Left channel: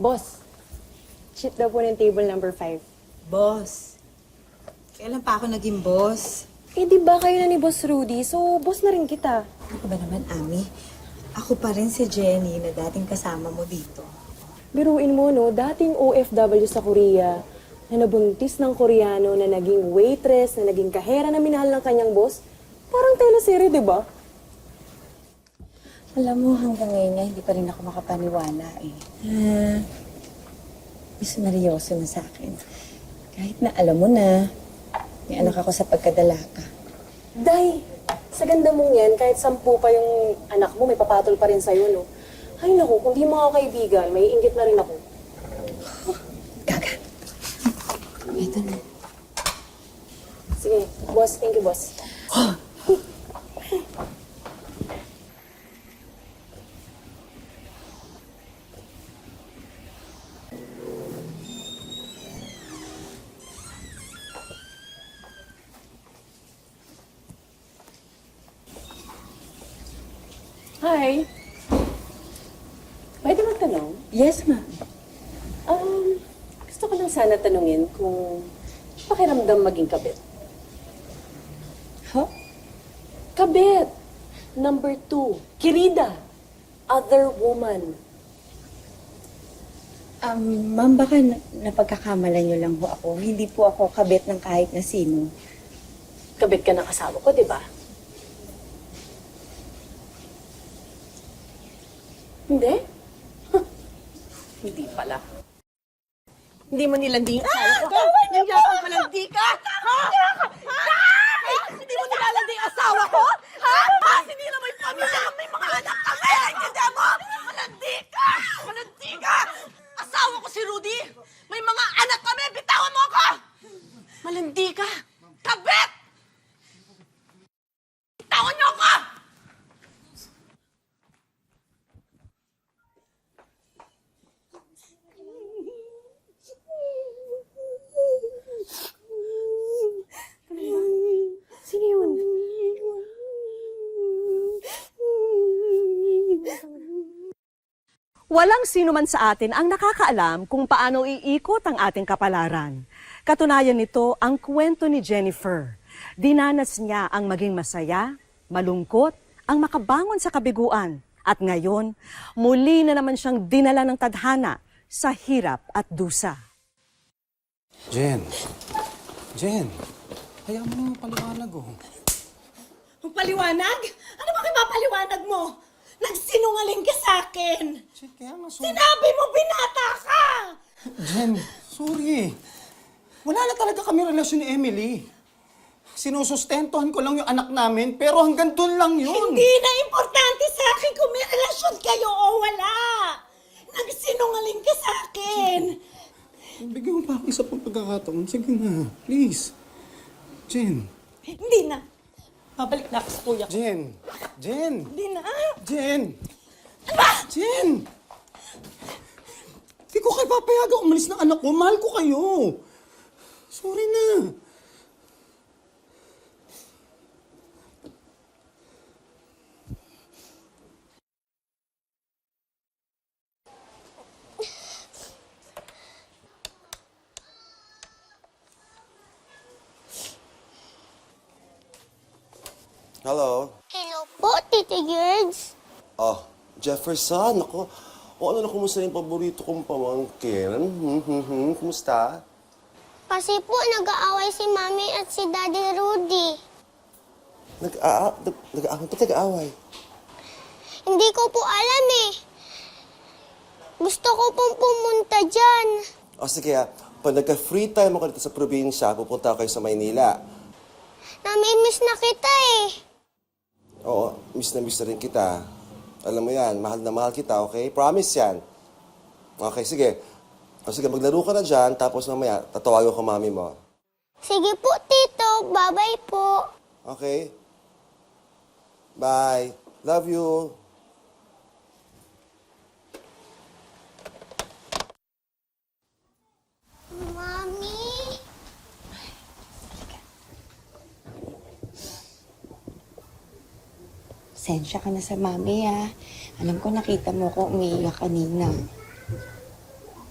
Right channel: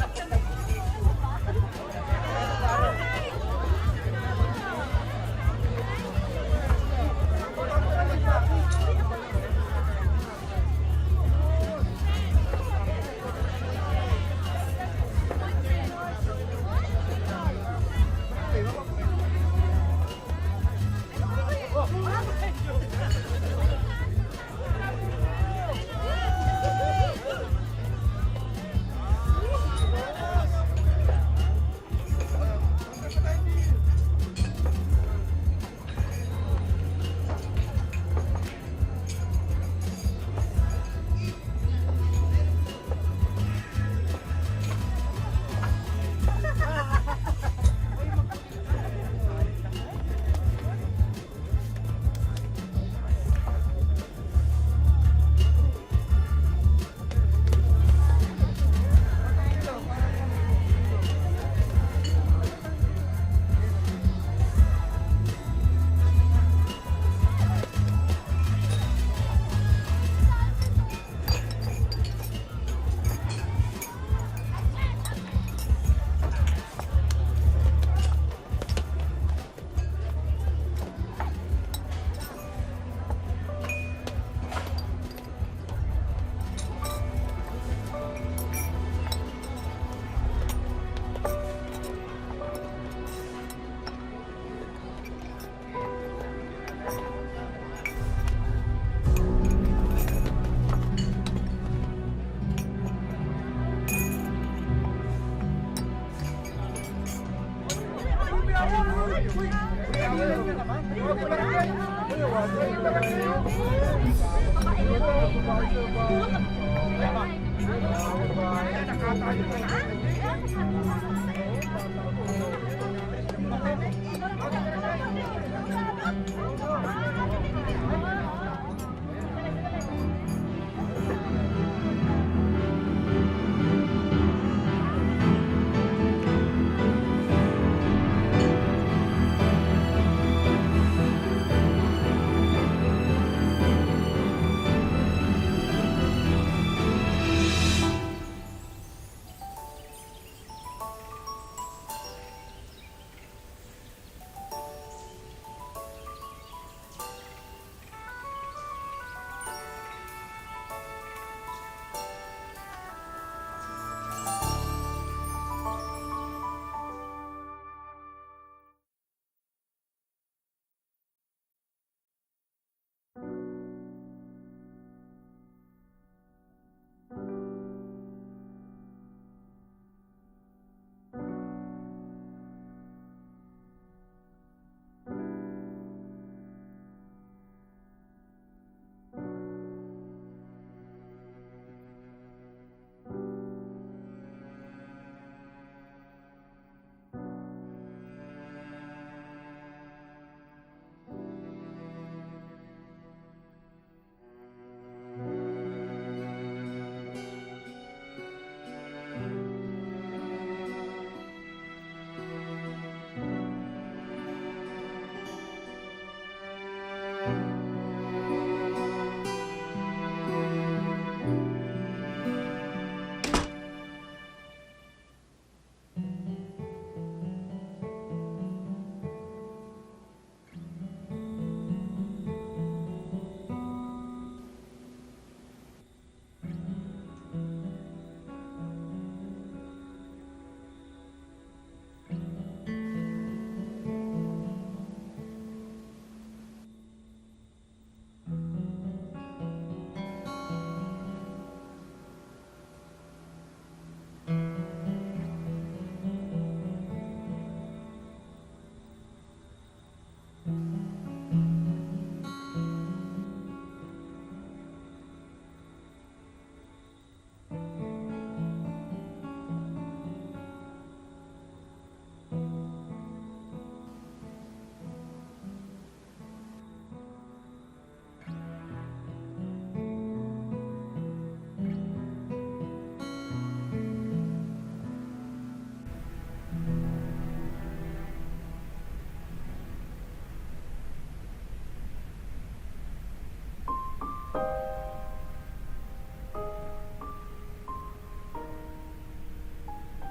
Boss, cheat daw po ng table number 5. Boss. Kailan pa ako naging boss? Eh, di ba kayo na ni Boss Rudy? So, boss na rin kita. Ako ba naman, Ami? Ako pa rin si Jenny na dating kasama mo dito. Biruin mo, no? Dating OFW sa Korea na nabuntis ng Koreano na naging waitress, na naging kahera na minahal ng kanyang boss. Parang teleserye, di ba? Alam mo, hanggang ngayon, hindi pa rin ako makapaniwala. Seryoso na sa akin. Kahit na alam mo na, may anak ako sa pagkadalaka. Day, sa ganda mong yan, kahit 10 pa yung anak mo, may papatol pa rin sa'yo, no? Ay, naku, kung di mga kaibigan, may inggit na rin ako. Ito na. Sige, boss. Thank you, boss. Hi. Pwede magtanong? Yes, ma'am. Gusto ko lang sana tanungin kung pakiramdam maging kabit. Huh? Kabit! Number 2, Kirida. Other woman. Ma'am, baka napagkakamalan niyo lang po ako. Hindi po ako kabit ng kahit na sino. Kabit ka ng asawa ko, di ba? Hindi? Huh. Hindi pala. Hindi mo nilanding. Hindi ako malanding ka! Hindi mo nilalanding ang asawa ko? Hindi naman kami! May mga anak kami! Hindi mo! Malanding ka! Malanding ka! Asawa ko si Rudy! May mga anak kami! Bitawan mo ako! Malandi ka! Kabit! Bitawan niyo ako! Walang sino man sa atin ang nakakaalam kung paano iikot ang ating kapalaran. Katunayan nito ang kwento ni Jennifer. Dinanas niya ang maging masaya, malungkot, ang makabangon sa kabiguan. At ngayon, muli na naman siyang dinala ng tadhana sa hirap at dusa. Jen. Jen. Hayaan mo yung paliwanag, oh. Ang paliwanag? Ano ba paliwanag mo? Nagsinungaling ka sa akin! Jen, kaya nga Sinabi mo binata ka! Jen, sorry. Wala na talaga kami relasyon ni Emily. Sinusustentuhan ko lang yung anak namin, pero hanggang doon lang yun. Hindi na importante sa akin kung may relasyon kayo o wala! Nagsinungaling ka sa akin! Bigyan mo pa ako isa pang pagkakataon. Sige na, please. Jen. Hindi na. Babalik na ako sa kuya ko. Jen. Jen. Hindi na. Jen. Ano? Jen. Hindi ko kayo papayagang umalis ng anak ko. Mahal ko kayo. Sorry na. Hello? Hello po, Tita Gerds. Oh, Jefferson, ako. O ano na, kumusta yung paborito kong pamangkin? Kumusta? Kasi po nag-aaway si Mami at si Daddy Rudy. Nag-aaway? Hindi ko po alam eh. Gusto ko pong pumunta dyan. O sige, pag nagka-free time ako dito sa probinsya, pupunta kayo sa Maynila. Namimiss na kita eh. Oo, miss na rin kita. Alam mo yan, mahal na mahal kita, okay? Promise yan. Okay, sige. O sige, maglaro ka na dyan, tapos mamaya, tatawagan ko mami mo. Sige po, Tito. Bye-bye po. Okay? Bye. Love you. Mami? Sensya ka na sa Mami, ah. Alam ko nakita mo ko umiiyak kanina.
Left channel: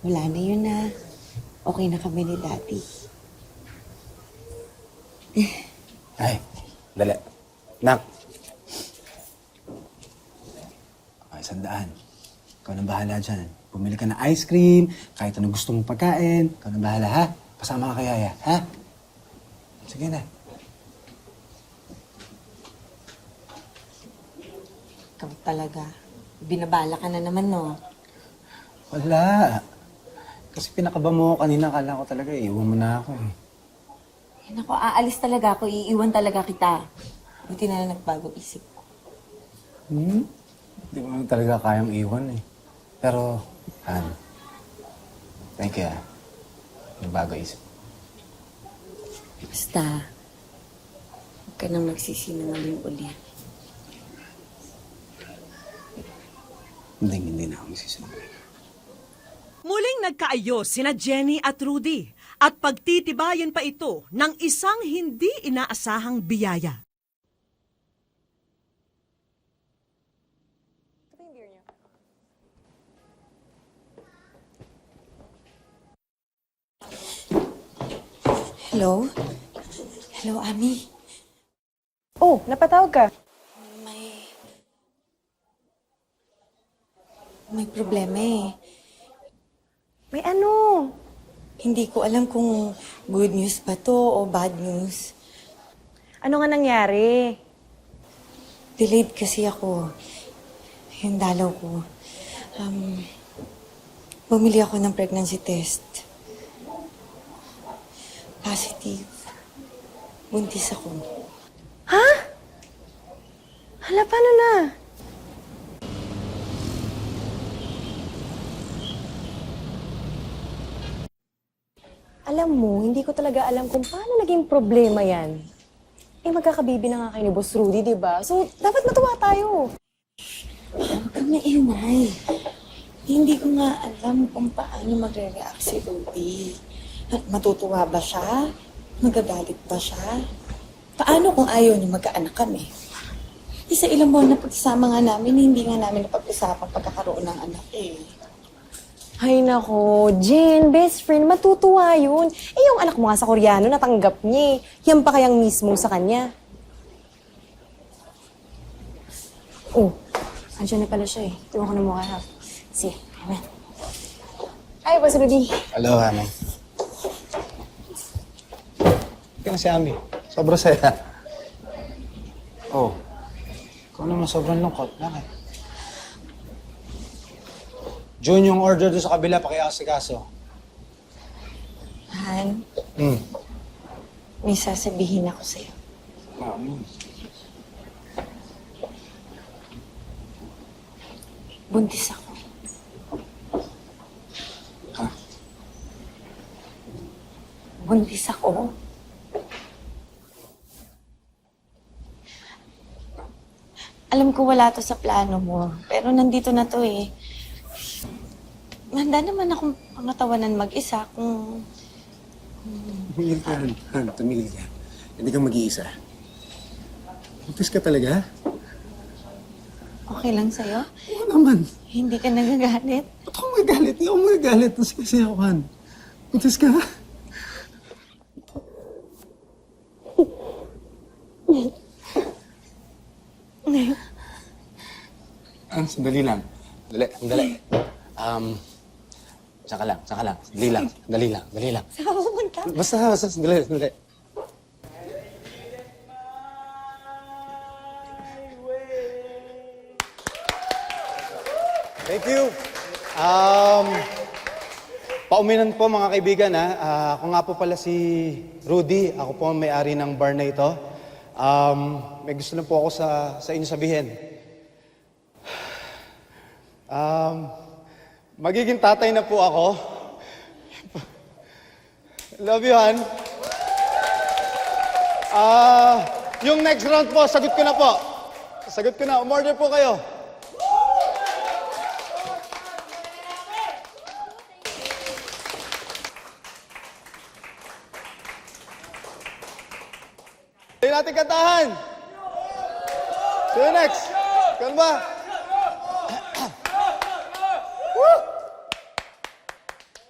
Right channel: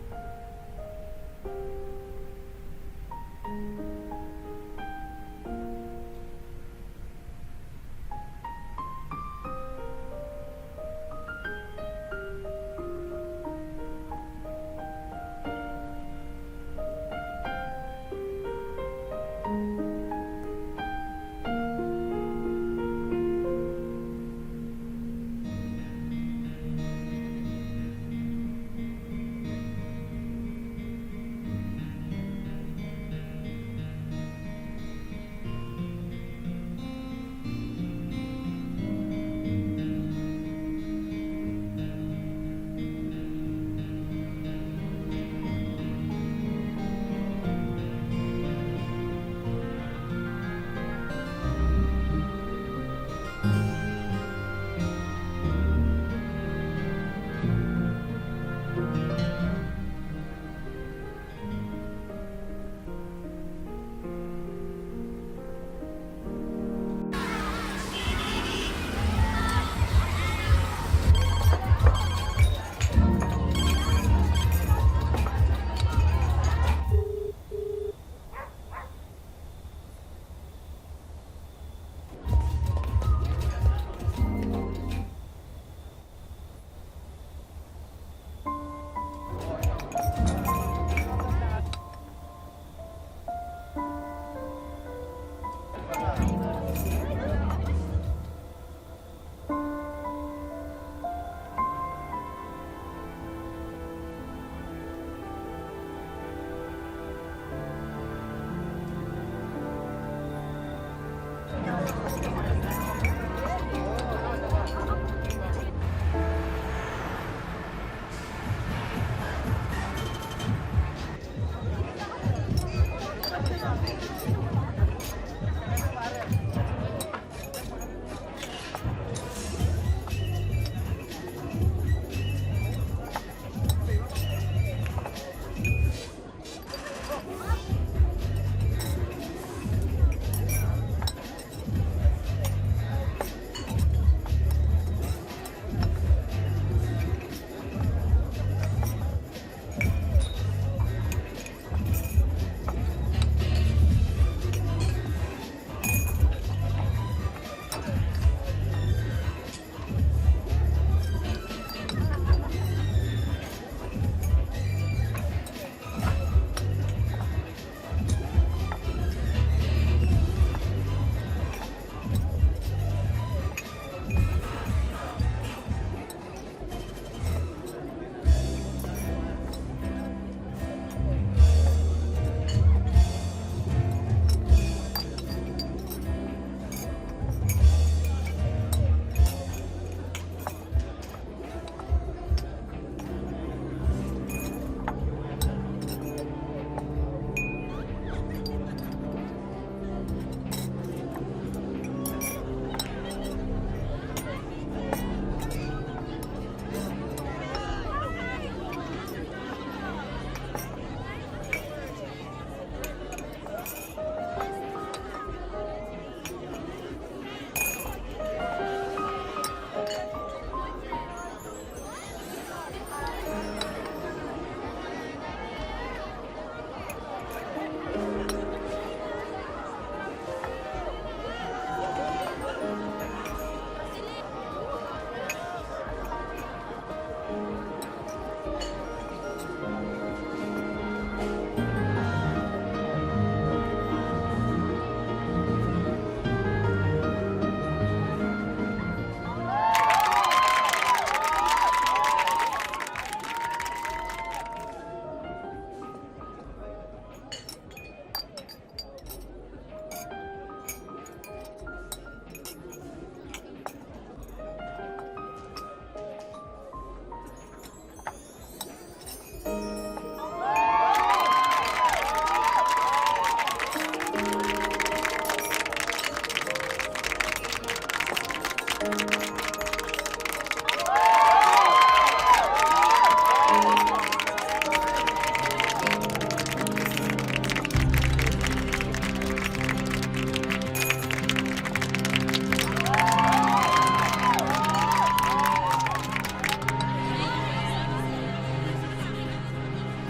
wala na yun na. Okay na kami ni Daddy. Ay, dali. Nak. Ay, sandaan. Ikaw nang bahala dyan. Bumili ka ng ice cream, kahit anong gusto mong pagkain. Ikaw nang bahala, ha? Kasama ka kay Yaya, ha? Sige na. Ikaw talaga. Binabala ka na naman, no? Wala. Kasi pinakaba mo ako kanina, akala ko talaga iiwan mo na ako. Yan ako, aalis talaga ako. Iiwan talaga kita. Hindi na lang nagbago isip ko. Hindi mo naman talaga kayang iwan eh. Pero, Han, thank you, ha? Bago isip. Basta, huwag ka nang magsisinungaling ulit. Hindi na ako magsisinungaling. Muling nagkaayos sina Jenny at Rudy at pagtitibayan pa ito ng isang hindi inaasahang biyaya. Hello? Hello, Ami. Oh, napatawag ka. May problema eh. May ano? Hindi ko alam kung good news ba to o bad news. Ano nga nangyari? Delayed kasi ako. Yung dalaw ko. Bumili ako ng pregnancy test. Positive. Buntis ako. Hala, paano na? Alam mo, hindi ko talaga alam kung paano naging problema yan. Eh, magkakabibi na nga kayo ni Boss Rudy, di ba? So, dapat matuwa tayo. Ang nainay. Hindi ko nga alam kung paano mag-react si Rudy. Matutuwa ba siya? Magagalit ba siya? Paano kung ayaw niya magkaanak kami? Isa ilang buwan na pagsasama nga namin, hindi nga namin napag-usapan pagkakaroon ng anak eh. Ay nako, Jen, best friend, matutuwa yun. Eh, yung anak mo nga sa Koreano, natanggap niya eh. Yan pa kayang mismo sa kanya. Oh, andyan na pala siya eh. Iwan ko na mukha ha. Sige. Ay, Boss Rudy. Hello, Hana. Yan si Ami. Sobrang saya. Oh. Ano mo sobrang lungkot? Bakit? June, yung order doon sa kabila, pakiasikaso. Han, may sasabihin ako sa'yo. Buntis ako. Buntis ako. Alam ko wala to sa plano mo, pero nandito na to eh. Handa naman akong natawanan mag-isa kung... Tumigil ka, Han. Tumigil ka. Hindi ka mag-iisa. Buntis ka talaga? Okay lang sa'yo? Oo naman. Hindi ka nagagalit? Ako magagalit. Ako magagalit. Buntis kasi ako, Han. Buntis ka? Sandali lang. Dali. Saka lang. Dali lang. Basta, sandali. Thank you. Pauminan po mga kaibigan ha. Ako nga po pala si Rudy. Ako po ang may-ari ng bar na ito. May gusto na po ako sa inyo sabihin. Magiging tatay na po ako. Love you, Han. Yung next round po, sagot ko na po. Umorder po kayo. Hindi natin kantahan. Go next. Saan ba?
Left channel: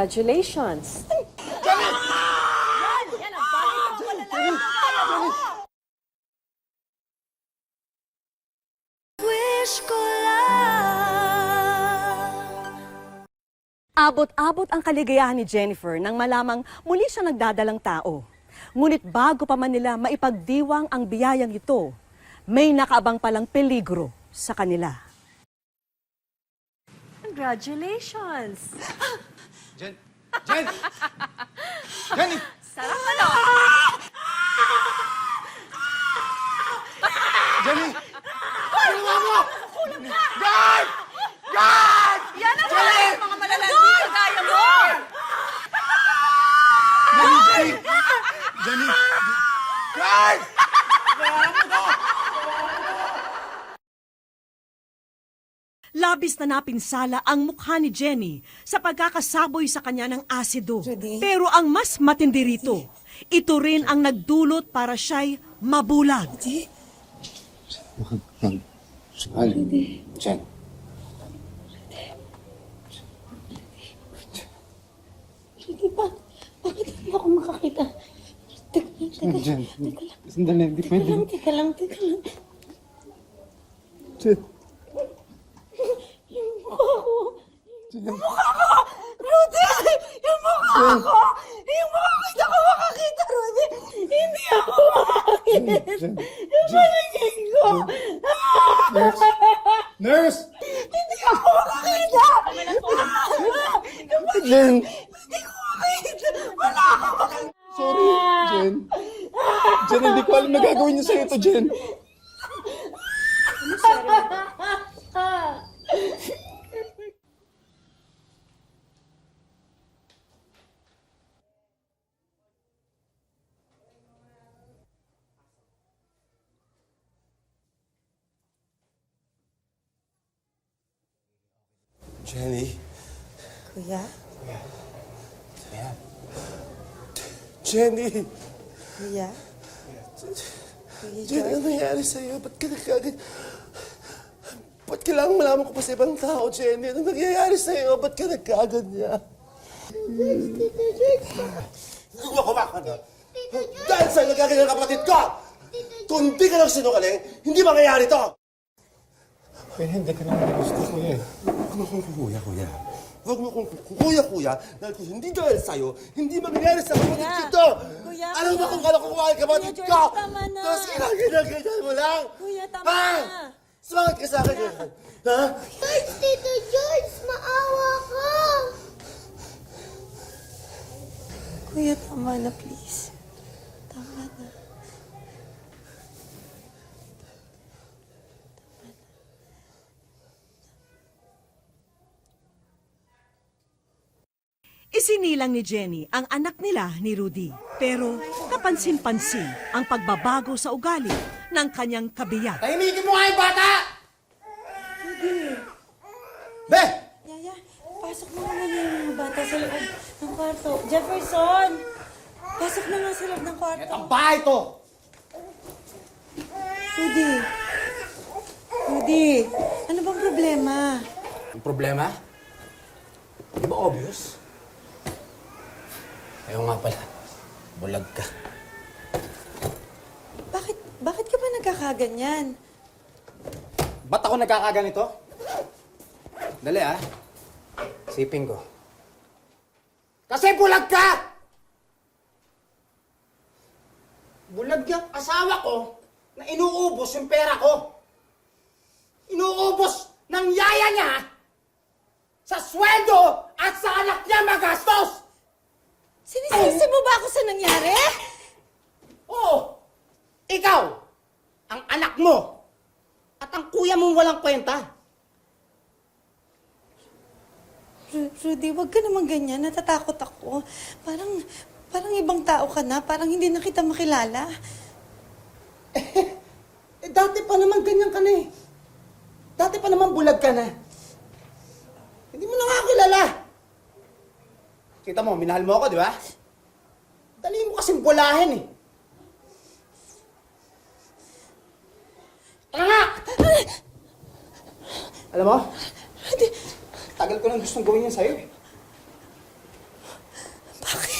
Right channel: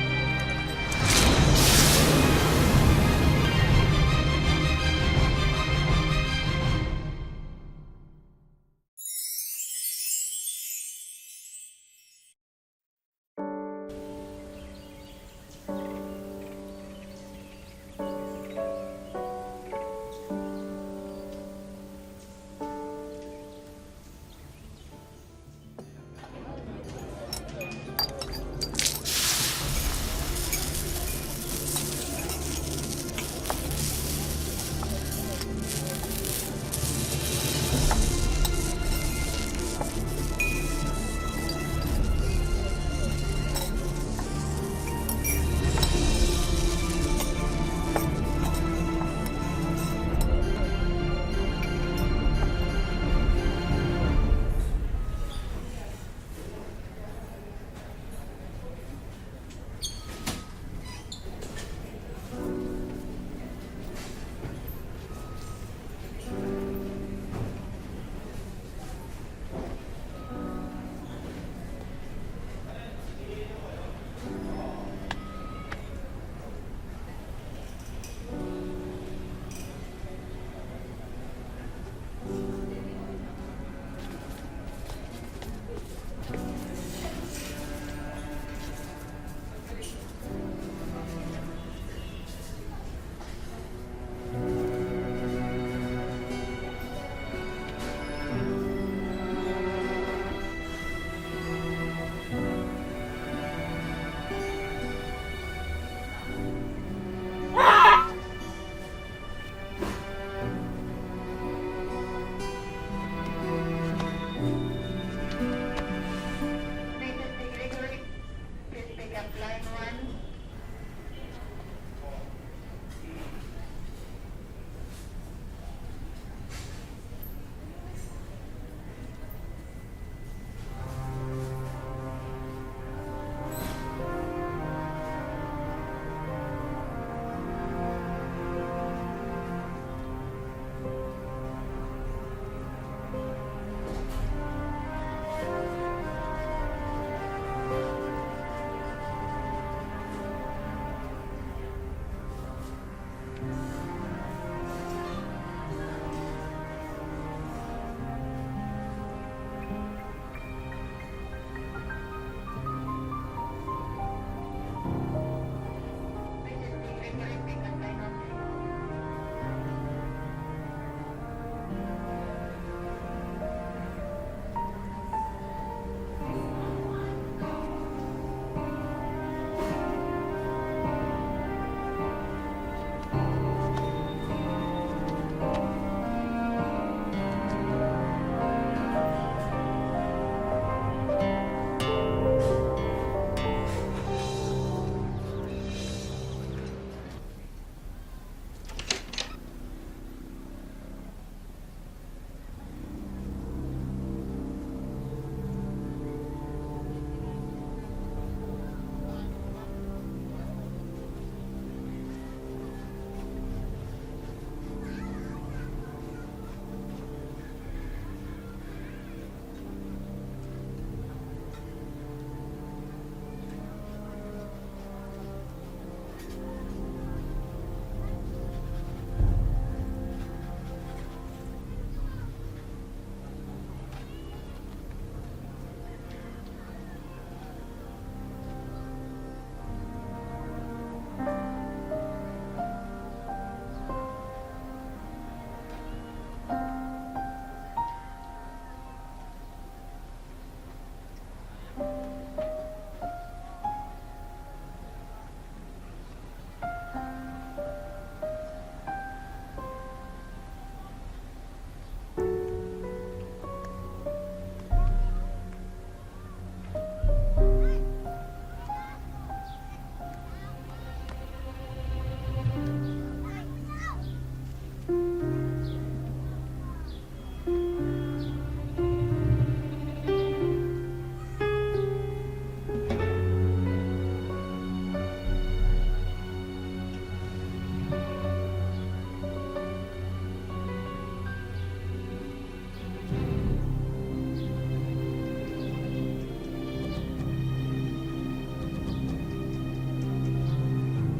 Congratulations! Wish ko lang. Abot-abot ang kaligayahan ni Jennifer nang malamang muli siya nagdadalang tao. Ngunit bago pa man nila maipagdiwang ang biyayang ito, may nakaabang palang peligro sa kanila. Congratulations! Yan ang mga malalaki sa kaya mo! Labis na napinsala ang mukha ni Jenny sa pagkakasaboy sa kanya ng asido. Pero ang mas matindi rito, ito rin ang nagdulot para siya'y mabulag. Jen. Bakit hindi ako makakita? Jen, sandali, hindi pwede. Teka lang. Jen. Rudy! Yung mukha ko! Yung mukha ko! Hindi ako makakita, Rudy! Hindi ako makakita! Yung paligid ko! Nurse! Hindi ako makakita! Jen! Hindi ko makakita! Wala akong makakita! Jen! Jen, hindi ko alam na gagawin niyo sa'yo to, Jen. Jenny? Kuya, Jenny! kuya. Jenny, ano nangyari sa'yo? Ba't ka nagkagad? Ba't kailangan malaman ko pa sa ibang tao, Jenny? Ano nangyayari sa'yo? Ba't ka nagkagad niya? Huwag ako makakagad. Dahil sa'yo nagkagad ang kapatid ko! Kung hindi ka lang sinungaling, hindi mangyayari to! Hindi ka naman gusto ko eh. Huwag mo kong kuya. Huwag mo kong kuya. Dahil hindi dahil sa'yo, hindi mangyayari sa kapatid ko to! Alam mo kung gano'n kumahal kapatid ko! Tapos kinaganda mo lang! Ha? Sumakit ka sa akin eh! Ha? George, Tito George, maawa ka! Kuya, tama na, please. Isinilang ni Jenny ang anak nila ni Rudy. Pero kapansin-pansin ang pagbabago sa ugali ng kanyang kabiyak. Tahimikin mo nga yung bata! Be! Yaya, pasok mo naman yung mga bata sa loob ng kwarto. Jefferson! Pasok na nga sa loob ng kwarto. Ang bahay to! Rudy, ano bang problema? Ang problema? Di ba obvious? Ayaw nga pala. Bulag ka. Bakit ka ba nagkakaganyan? Ba't ako nagkakaganito? Dali ah. Siping ko. Kasi bulag ka! Bulag yung asawa ko na inuubos yung pera ko. Inuubos ng yaya niya sa sweldo at sa anak niya magastos! Sinisisi mo ba ako sa nangyari? Oo! Ikaw! Ang anak mo! At ang kuya mong walang kwenta! Rudy, wag ka naman ganyan. Natatakot ako. Parang ibang tao ka na. Parang hindi na kita makilala. Dati pa naman ganyan ka na eh. Dati pa naman bulag ka na. Hindi mo na nga kilala. Kita mo, minahal mo ako, di ba? Dali mo kasing bulahin eh. Ano nga? Alam mo? Tagal ko nang gustong gawin yan sa'yo eh.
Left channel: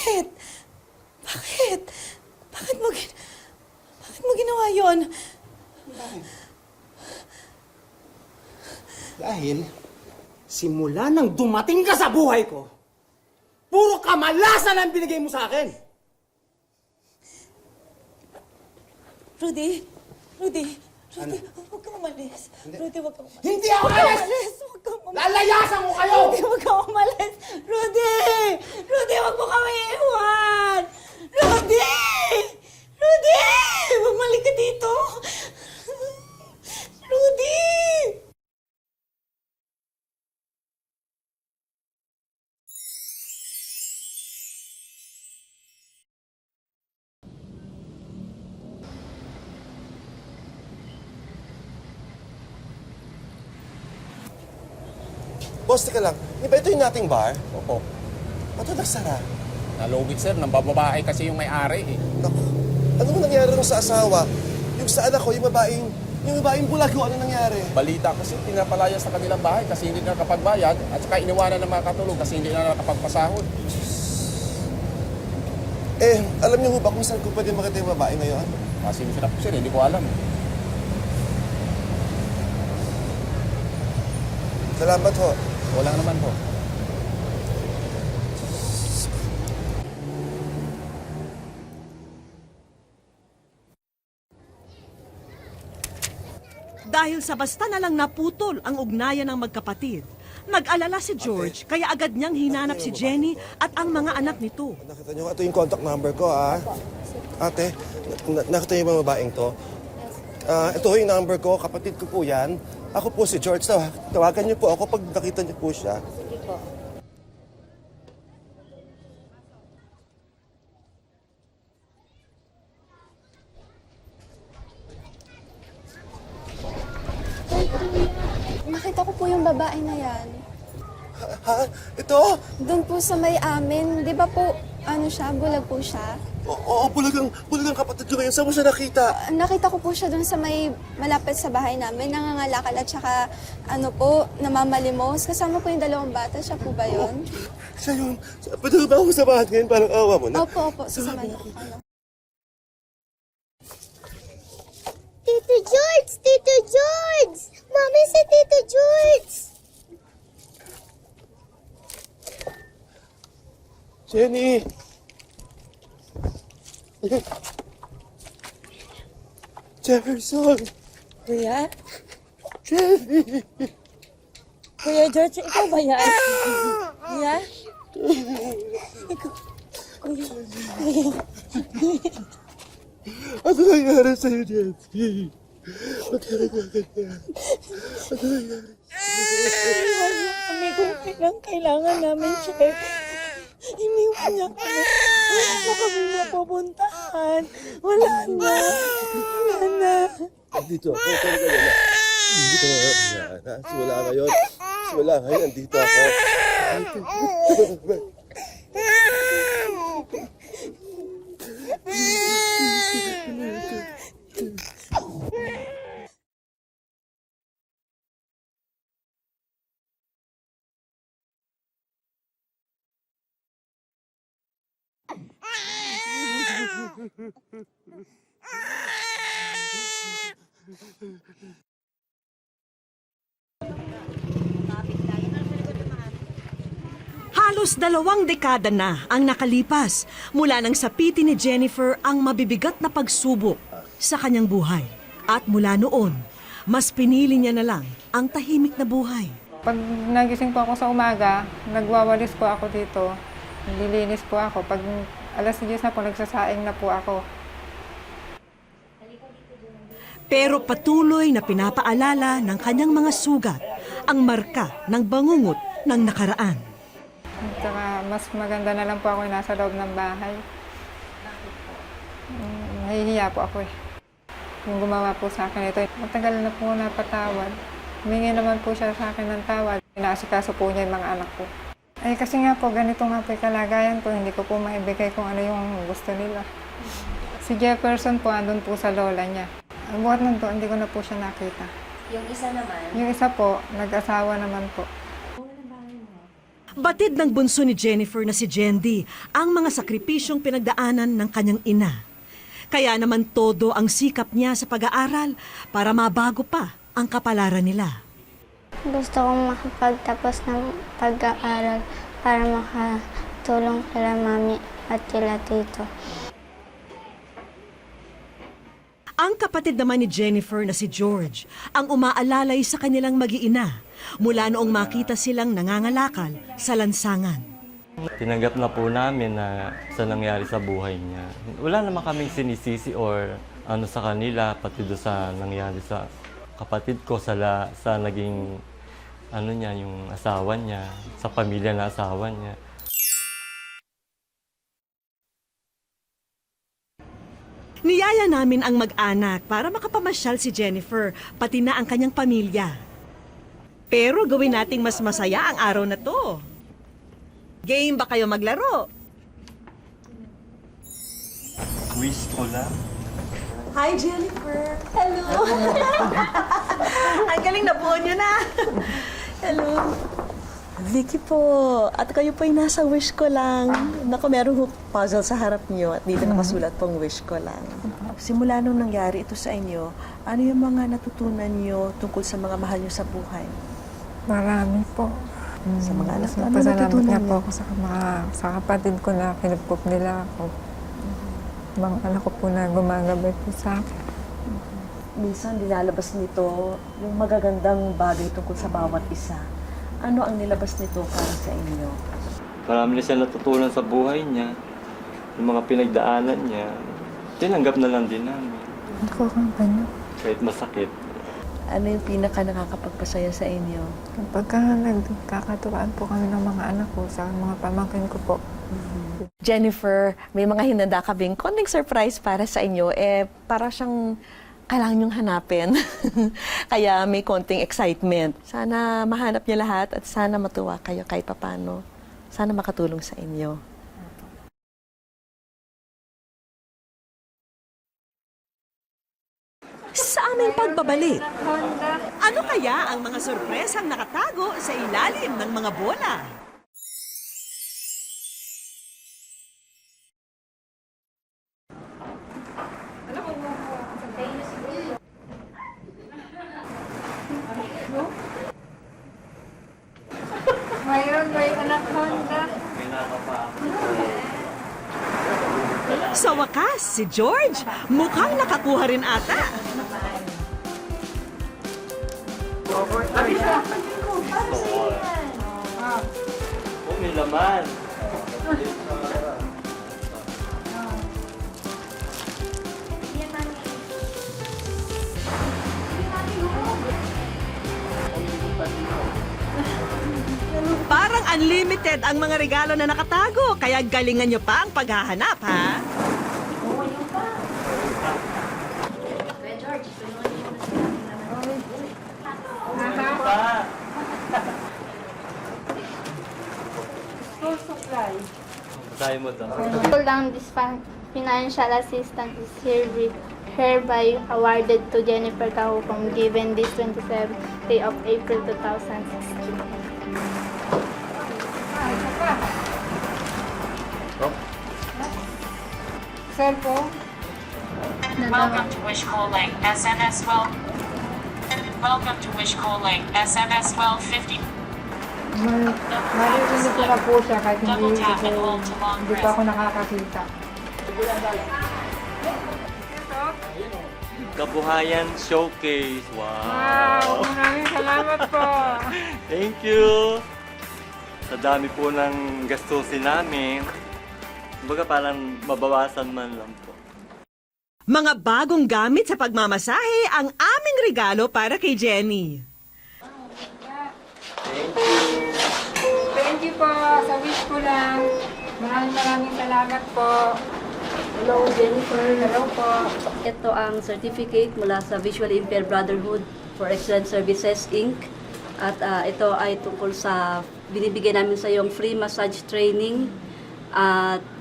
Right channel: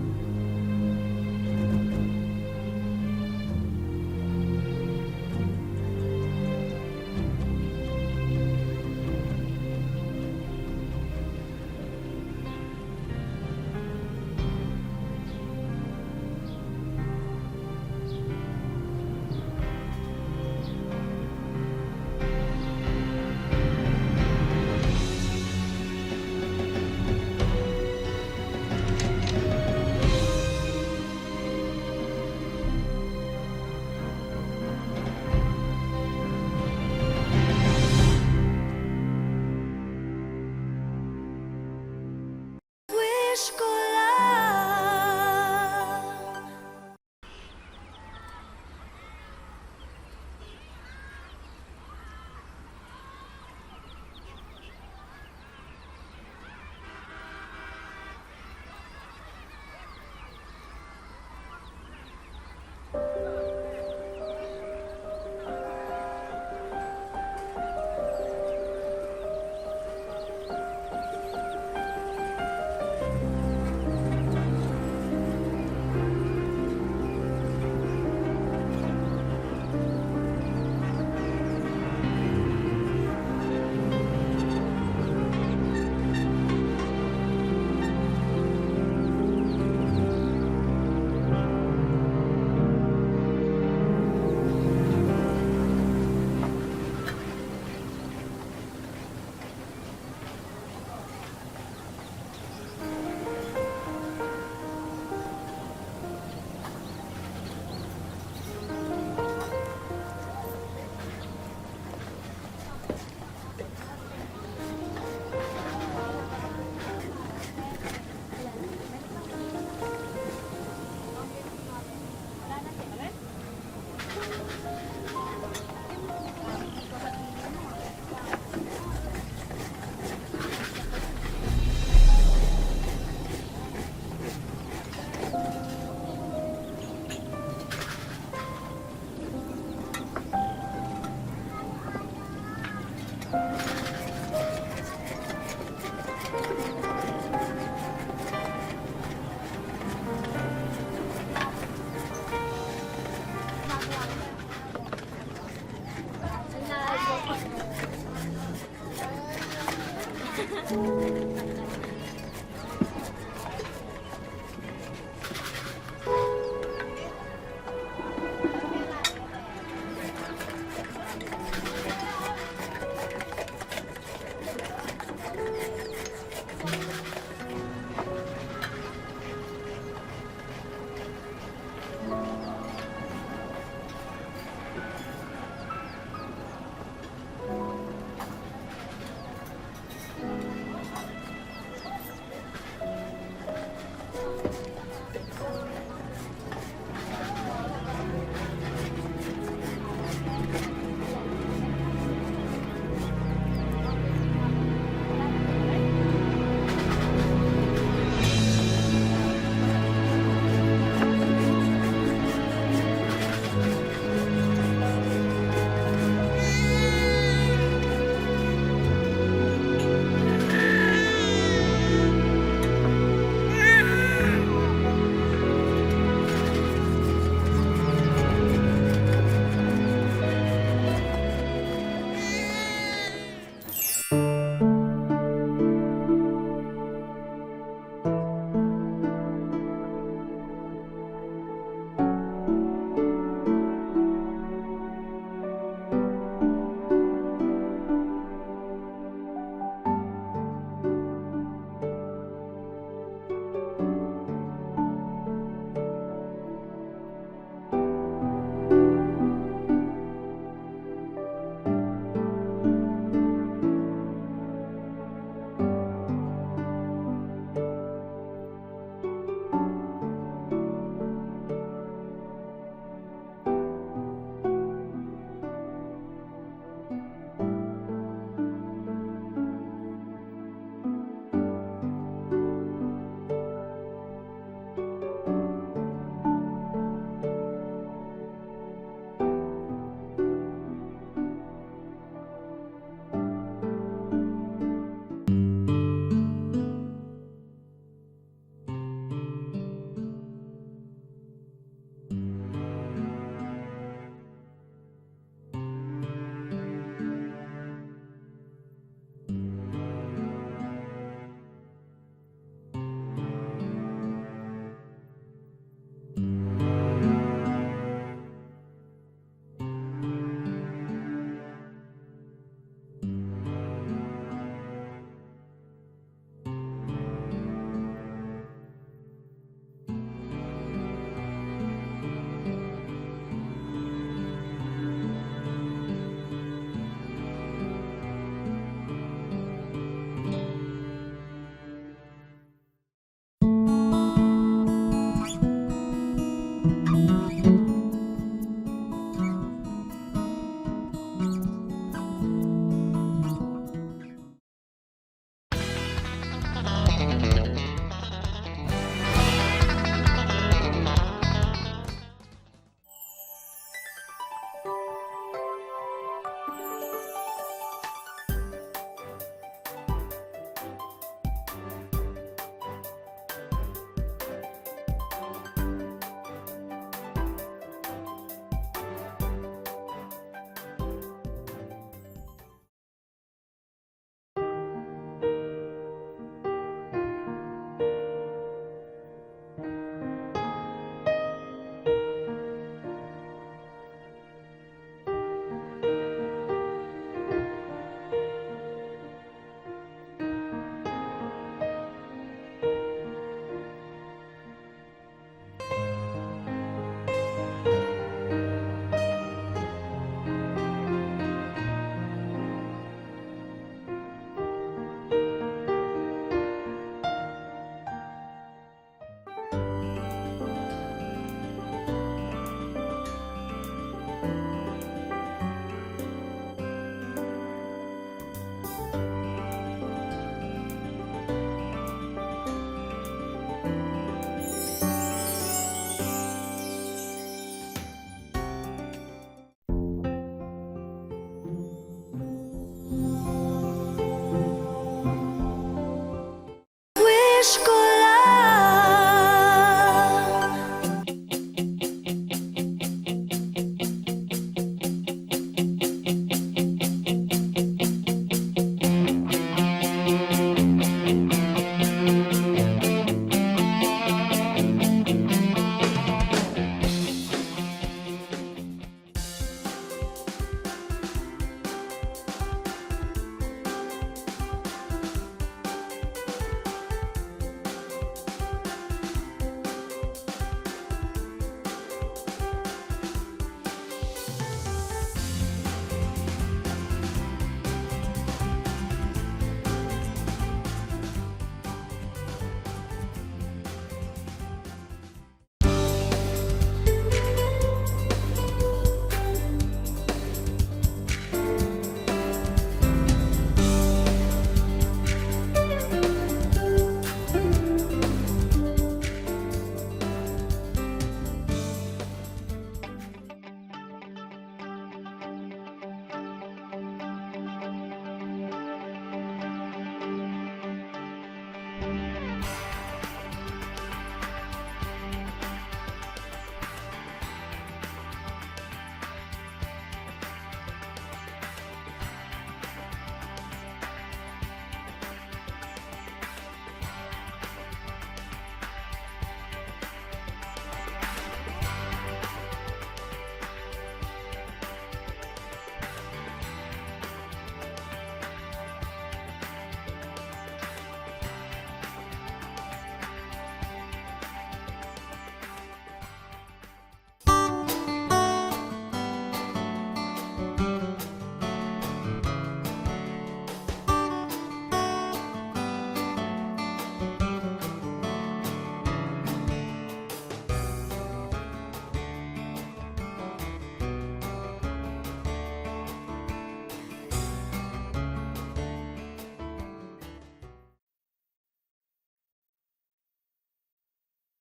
Bakit? Bakit? Bakit mo ginawa yon? Dahil, simula nang dumating ka sa buhay ko, puro kamalasan ang binigay mo sa akin. Rudy, huwag ka umalis. Rudy, wag ka. Hindi ako alis! Lalayasan ko kayo! Rudy, huwag ka umalis. Rudy! Rudy, huwag mo kami iwan! Rudy! Rudy! Bumalik ka dito! Rudy! Wish ko lang. Boss, teka lang. Di ba ito yung nating bar? Opo. Ba't ito nagsara? Nalugit sir, nang bababae kasi yung may-ari eh. Naku, ano nangyari rin sa asawa? Yung sa anak ko, yung babaeng bulago, ano nangyari? Balita ko sir, pinapalaya sa kanilang bahay kasi hindi na nakapagbayad at saka iniwanan ng mga katulog kasi hindi na nakapagpasahod. Eh, alam niyo ho ba kung saan ko pwede makita yung babae ngayon? Kasi sila po sir, hindi ko alam. Salamat ho. Wala naman po. Dahil sa basta na lang naputol ang ugnayan ng magkapatid, nag-alala si George kaya agad niyang hinanap si Jenny at ang mga anak nito. Ito yung contact number ko, ha? Ate, nakita yung mga babaeng to. Ito yung number ko, kapatid ko po yan. Ako po si George. Tawagan niyo po ako pag nakita niyo po siya. Nakita ko po yung babae na yan. Ha? Ito? Doon po sa may amin, di ba po, ano siya, bulag po siya? Oo, bulagang kapatid ko ngayon. Saan mo siya nakita? Nakita ko po siya doon sa may malapit sa bahay namin, nangangalakal at saka ano po, namamalimos. Kasama po yung dalawang bata, siya po ba yun? Siya yun. Pwede ba ako samahan ngayon? Parang awa mo na. Opo, sasama na. Tito George! Tito George! Mami, si Tito George! Jenny! Jefferson! Kuya? Kuya George, ikaw ba yan? Kuya? Ano nangyari sa'yo, Jenny? Ano nangyari? Ano nangyari? Kami kung kailan kailangan namin siya. Iniwan niya kami. Wala na kami napupuntahan. Wala na. Dito. Simula ngayon. Simula ngayon. Dito ako. Halos 2 dekada na ang nakalipas mula nang sapitin ni Jennifer ang mabibigat na pagsubok sa kanyang buhay. At mula noon, mas pinili niya na lang ang tahimik na buhay. Pag nagising po ako sa umaga, nagwawalis po ako dito. Nililinis po ako. Pag alas 10 na po, nagsasaing na po ako. Pero patuloy na pinapaalala ng kanyang mga sugat ang marka ng bangungot ng nakaraan. Tsaka mas maganda na lang po ako nasa loob ng bahay. Nahihiya po ako eh. Yung gumawa po sa akin ito, matagal na po napatawad. Humingi naman po siya sa akin ng tawad. Inaasikaso po niya yung mga anak ko. Ay kasi nga po, ganito nga po yung kalagayan ko. Hindi ko po maibigay kung ano yung gusto nila. Si Jefferson po, andun po sa lola niya. Ang buhat nun po, hindi ko na po siya nakita. Yung isa naman? Yung isa po, nag-asawa naman po. Kapatid ng bunso ni Jennifer na si Jendy ang mga sakripisyong pinagdaanan ng kanyang ina. Kaya naman todo ang sikap niya sa pag-aaral para mabago pa ang kapalaran nila. Gusto kong makapagtapos ng pag-aaral para makatulong kila mami at kila tito. Ang kapatid naman ni Jennifer na si George ang umaalalay sa kanilang mag-iina mula noong makita silang nangangalakal sa lansangan. Tinanggap na po namin na sa nangyari sa buhay niya. Wala naman kaming sinisisi or ano sa kanila, pati doon sa nangyari sa kapatid ko, sa naging ano niya, yung asawa niya, sa pamilya na asawa niya. Niyaya namin ang mag-anak para makapamasyal si Jennifer, pati na ang kanyang pamilya. Pero gawin nating mas masaya ang araw na to. Game ba kayo maglaro? Wish ko lang. Hi, Jennifer! Hello! Ang galing na po niyo na! Hello! Vicky po, at kayo po'y nasa wish ko lang. Naku, merong puzzle sa harap niyo at dito nakasulat pong wish ko lang. Simula nung nangyari ito sa inyo, ano yung mga natutunan niyo tungkol sa mga mahal niyo sa buhay? Marami po. Sa mga anak, ano Pasalamat natutunan nga niyo? po ako sa kapatid ko na pinupok nila ako. Mga anak ko po na gumagabay po sa akin. Minsan nilalabas nito yung magagandang bagay tungkol sa bawat isa. Ano ang nilabas nito para sa inyo? Marami na siya natutunan sa buhay niya, yung mga pinagdaanan niya. Tinanggap na lang din namin. Ako kung gano'n. Kahit masakit. Ano yung pinaka nakakapagpasaya sa inyo? Kapag nagkakatuwaan po kami ng mga anak ko sa mga pamangkin ko po. Jennifer, may mga hinanda kaming konting surprise para sa inyo. Para siyang kailangan niyong hanapin. Kaya may konting excitement. Sana mahanap niya lahat at sana matuwa kayo kahit paano. Sana makatulong sa inyo. Sa aming pagbabalik, ano kaya ang mga sorpresang nakatago sa ilalim ng mga bola? Wish ko lang. Sa wakas, si George mukhang nakakuha rin ata. Oh, may laman. Parang unlimited ang mga regalo na nakatago, kaya galingan nyo pa ang paghahanap, ha? Tayo mo daw. Pull down this financial assistance is hereby awarded to Jennifer Cahupong given this 27th day of April 2016. Sir po? Welcome to Wish Calling SMS well. Welcome to Wish Calling SMS well 50. Maririnig ko na po siya kahit Double tap and hold to long hindi pa press. ako nakakakita. Kabuhayan Showcase. Wow! Wow! Maraming salamat po! Thank you! Sa dami po ng gastusin namin, kumbaga parang mabawasan man lang po. Mga bagong gamit sa pagmamasahe ang aming regalo para kay Jenny. Thank you po sa wish ko lang. Maraming salamat po. Hello, Jennifer. Hello po. Ito ang certificate mula sa Visually Impaired Brotherhood for Excellent Services, Inc. At ito ay tungkol sa binibigay namin sa iyong free massage training at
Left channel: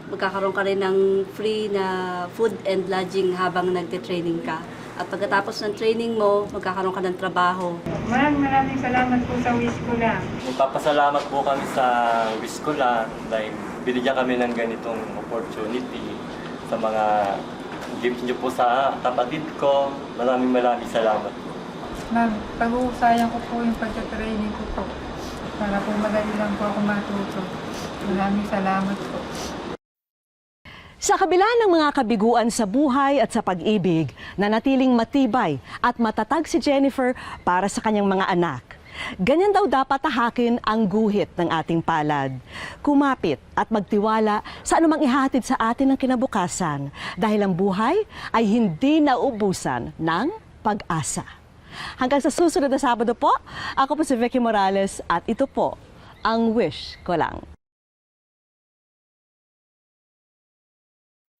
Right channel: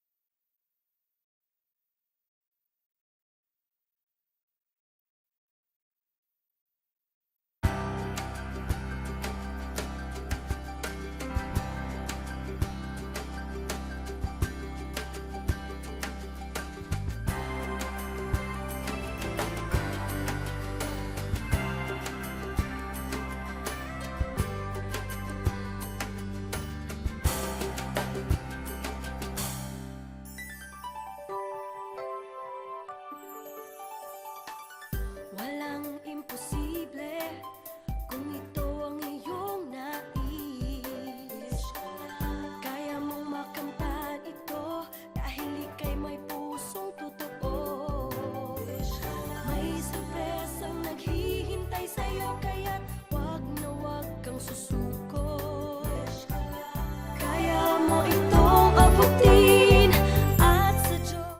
magkakaroon ka rin ng free na food and lodging habang nagte-training ka. At pagkatapos ng training mo, magkakaroon ka ng trabaho. Maraming salamat po sa Wiskola. Nagpapasalamat po kami sa Wiskola dahil binigyan kami ng ganitong opportunity sa mga gift niyo po sa kapatid ko. Maraming salamat. Ma'am, pag-uusayang ko po yung pagka-training ko po. Para po madali lang po ako matuto. Maraming salamat po. Sa kabila ng mga kabiguan sa buhay at sa pag-ibig, nanatiling matibay at matatag si Jennifer para sa kanyang mga anak. Ganyan daw dapat tahakin ang guhit ng ating palad. Kumapit at magtiwala sa anumang ihatid sa atin ng kinabukasan dahil ang buhay ay hindi nauubusan ng pag-asa. Hanggang sa susunod na Sabado po, ako po si Vicky Morales at ito po ang Wish Ko Lang. Kaya mo itong abutin.